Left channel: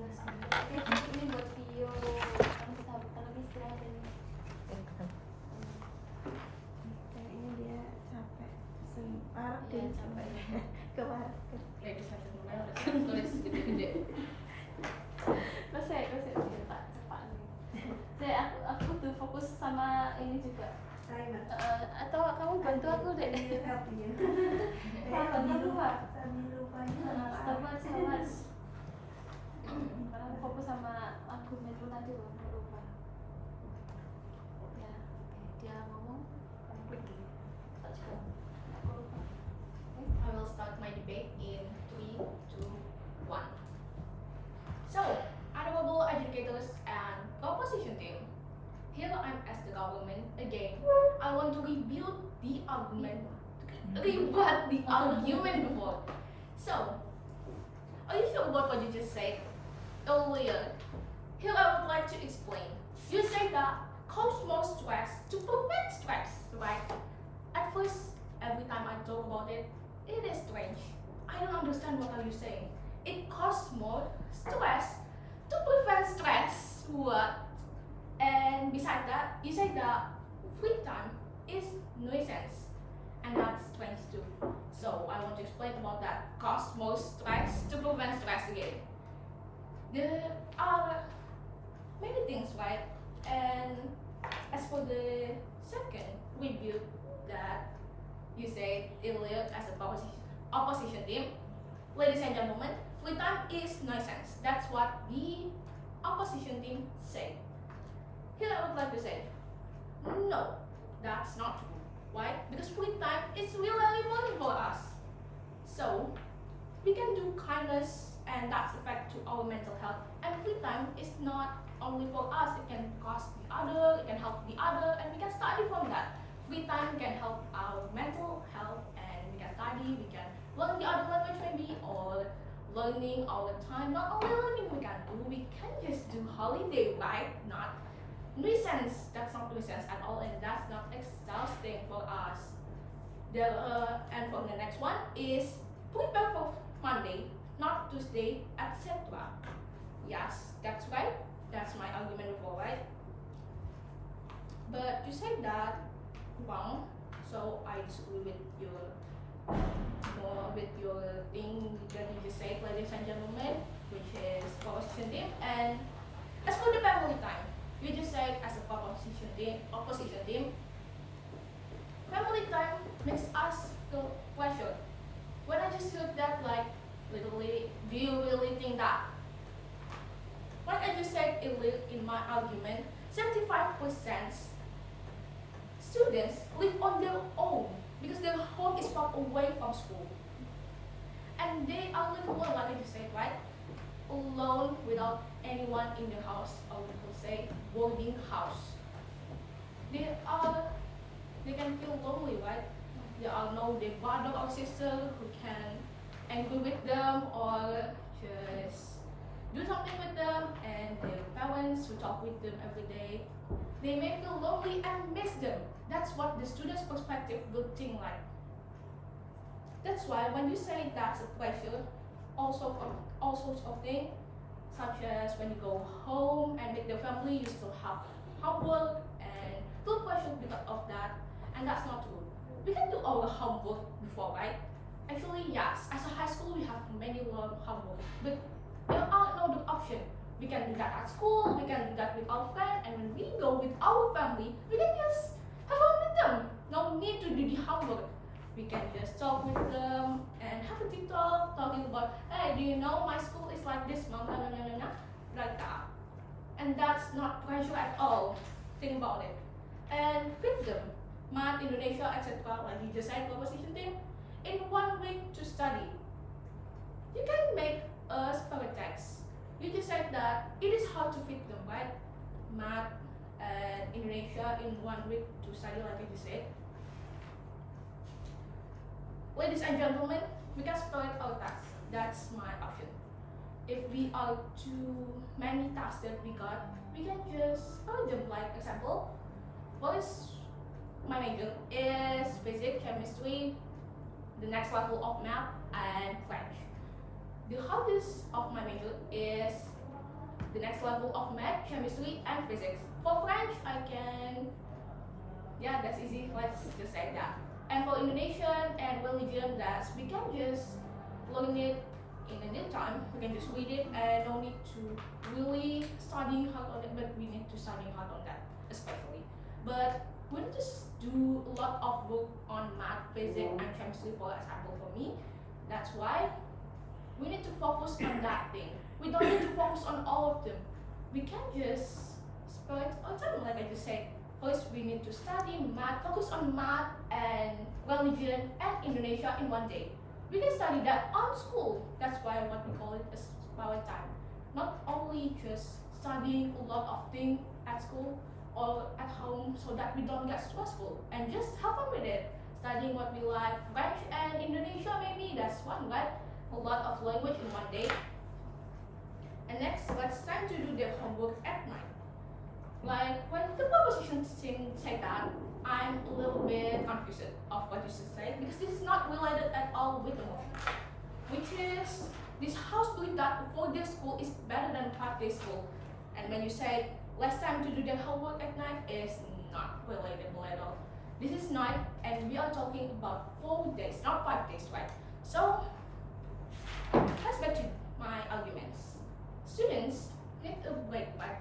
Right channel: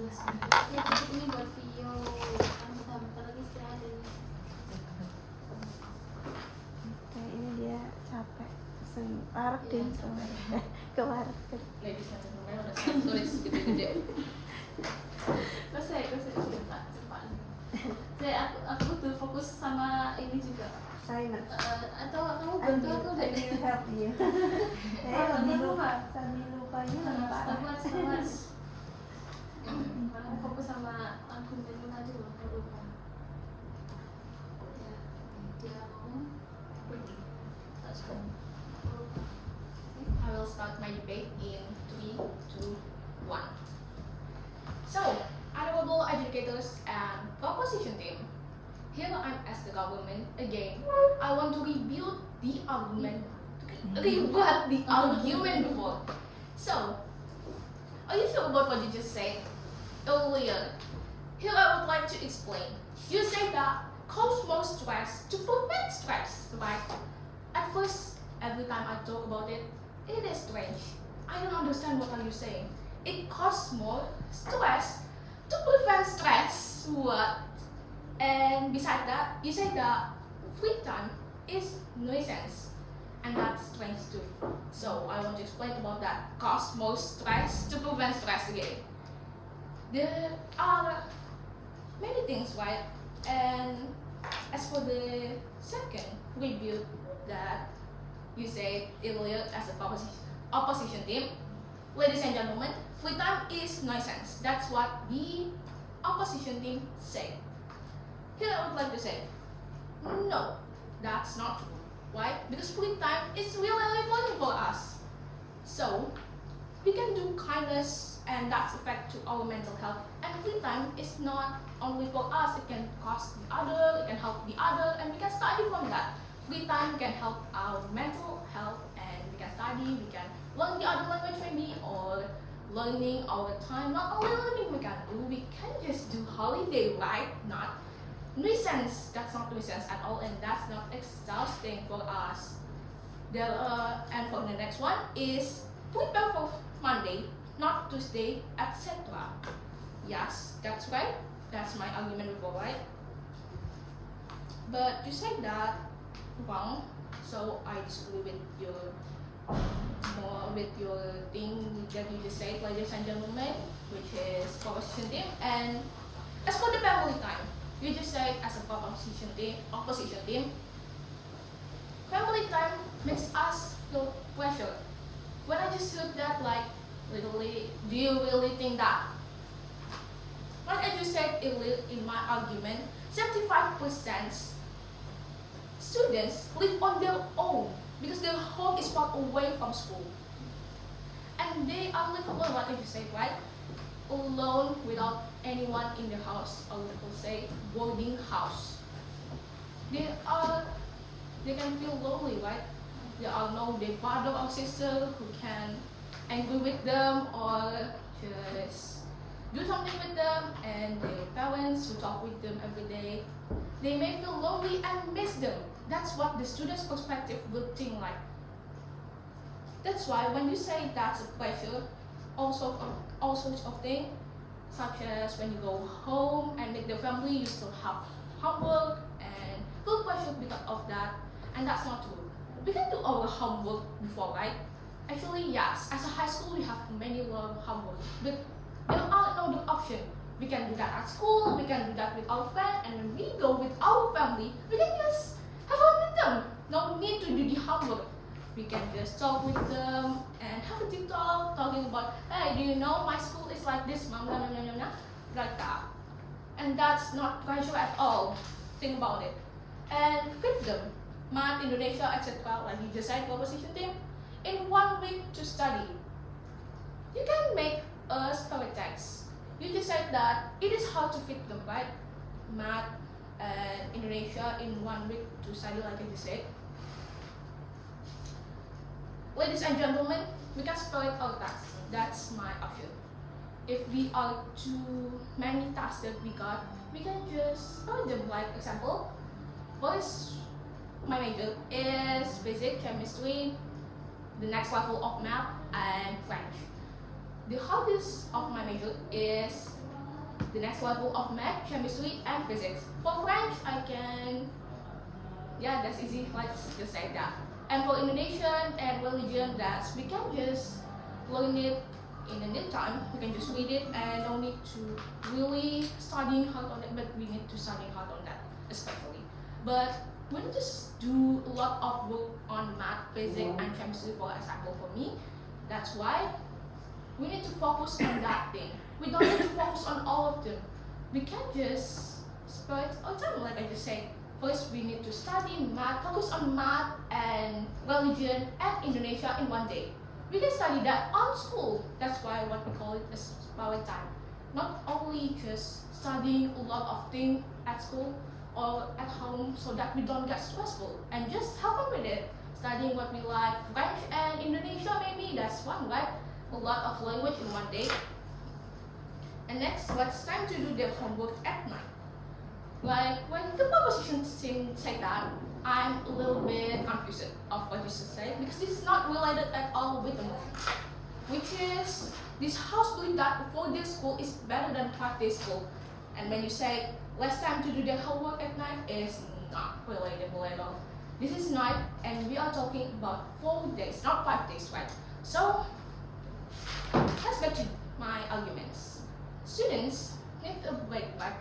Ini buat video kamu bentar lagi istirahat ya. Oke, ini dia capek pesen park deh ke warteg. Ladies and gentlemen, udah saya tulis gede-gede. Terus saya cepat. Aku butuh fokus sama ini juga. Saya Atau kamu bantu aku deh. help you. Sambil lupanya Stopwatch. Aku fokus sama argumenmu tadi loh, aku lupa. Ya, dia ngomong, aku pergi. That's good. Aku lupa. I will start my debate in 3, 2, 1. So, honorable educators and proposition team, here I'm as the government again. I want to rebut the argument before. So, are you sure about what you just said earlier? Here I would like to explain. You say that cause more stress to prevent stress, right? At first, every time I talk about it, it is strange. I don't understand what are you saying. It causes more stress to prevent stress. What? And besides that, you say that free time is nuisance. And that's strange too. So I want to explain about that. Cause more stress to prevent stress again. There are many things, right? And as for the second review that you said earlier as a opposition team, ladies and gentlemen, free time is nuisance. That's what the opposition team said. Here I would like to say, no, that's not true. Why? Because free time is really important for us. So we can do kindness and that's effect to our mental health. And free time is not only for us, it can cost the other, it can help the other, and we can study from that. Free time can help our mental health and we can study, we can learn the other language maybe, or learning our time. Not only learning we can do, we can just do holiday, right? Not nuisance. That's not nuisance at all, and that's not exhausting for us. And for the next one is prepare for Monday, not Tuesday, etc. Yes, that's right. That's my argument before, right? But you said that wrong, so I disagree with your thing that you just said, ladies and gentlemen, which is proposition team. And as for the family time, you just said as a opposition team, family time makes us feel pressure. When I just heard that, like, literally, do you really think that? Like I just said in my argument, 75% students live on their own because their home is far away from school. And they are living alone, like I just said, right? Alone without anyone in the house, or people say boarding house. They can feel lonely, right? There are no their brother or sister who can angry with them or just do something with them, and their parents who talk with them every day. They may feel lonely and miss them. That's what the student's perspective will think like. That's why when you say that's a pressure, all sorts of things, such as when you go home and with the family, you still have homework and feel pressure because of that, and that's not true. We can do our homework before, right? Actually, yes. As a high school, we have many homework, but there are no other option. We can do that at school. We can do that with our friends, and when we go with our family, we can just have fun with them. No need to do the homework. We can just talk with them and have a deep talk, talking about, hey, do you know my school is like this, mom, like that. And that's not pressure at all. Think about it. And fit them, math, Indonesia, etc. Like you just said, proposition team, in 1 week to study. You can make a spirit text. You just said that it is hard to fit them, right? Math and Indonesia in 1 week to study, like I just said. Ladies and gentlemen, we can split our tasks. That's my option. If we are too many tasks that we got, we can just split them. Like example, first, my major is physics, chemistry, the next level of math and French. The hardest of my major is the next level of math, chemistry, and physics. For French, I can, yeah, that's easy. Let's just say that. And for Indonesian and religion, that's we can just learn it in a neat time. We can just read it and don't need to really studying hard on it, but we need to studying hard on that, especially. But we need to do a lot of work on math, physics, and chemistry, for example, for me. That's why we need to focus on that thing. We don't need to focus on all of them. We can just spend our time, like I just said. First, we need to study math, focus on math and religion and Indonesia in one day. We can study that on school. That's why what we call it as power time. Not only just studying a lot of things at school or at home so that we don't get stressful and just have fun with it. Studying what we like, French and Indonesia maybe, that's one, right? A lot of language in one day. And next, what's time to do their homework at night? Like when the proposition say that, I'm a little bit confused of what you should say because this is not related at all with the motion. Which is, this house believe that a 4-day school is better than 5-day school. And when you say less time to do their homework at night is not relatable at all. This is night and we are talking about 4 days, not 5 days, right? So, let's back to my arguments. Students need a break, like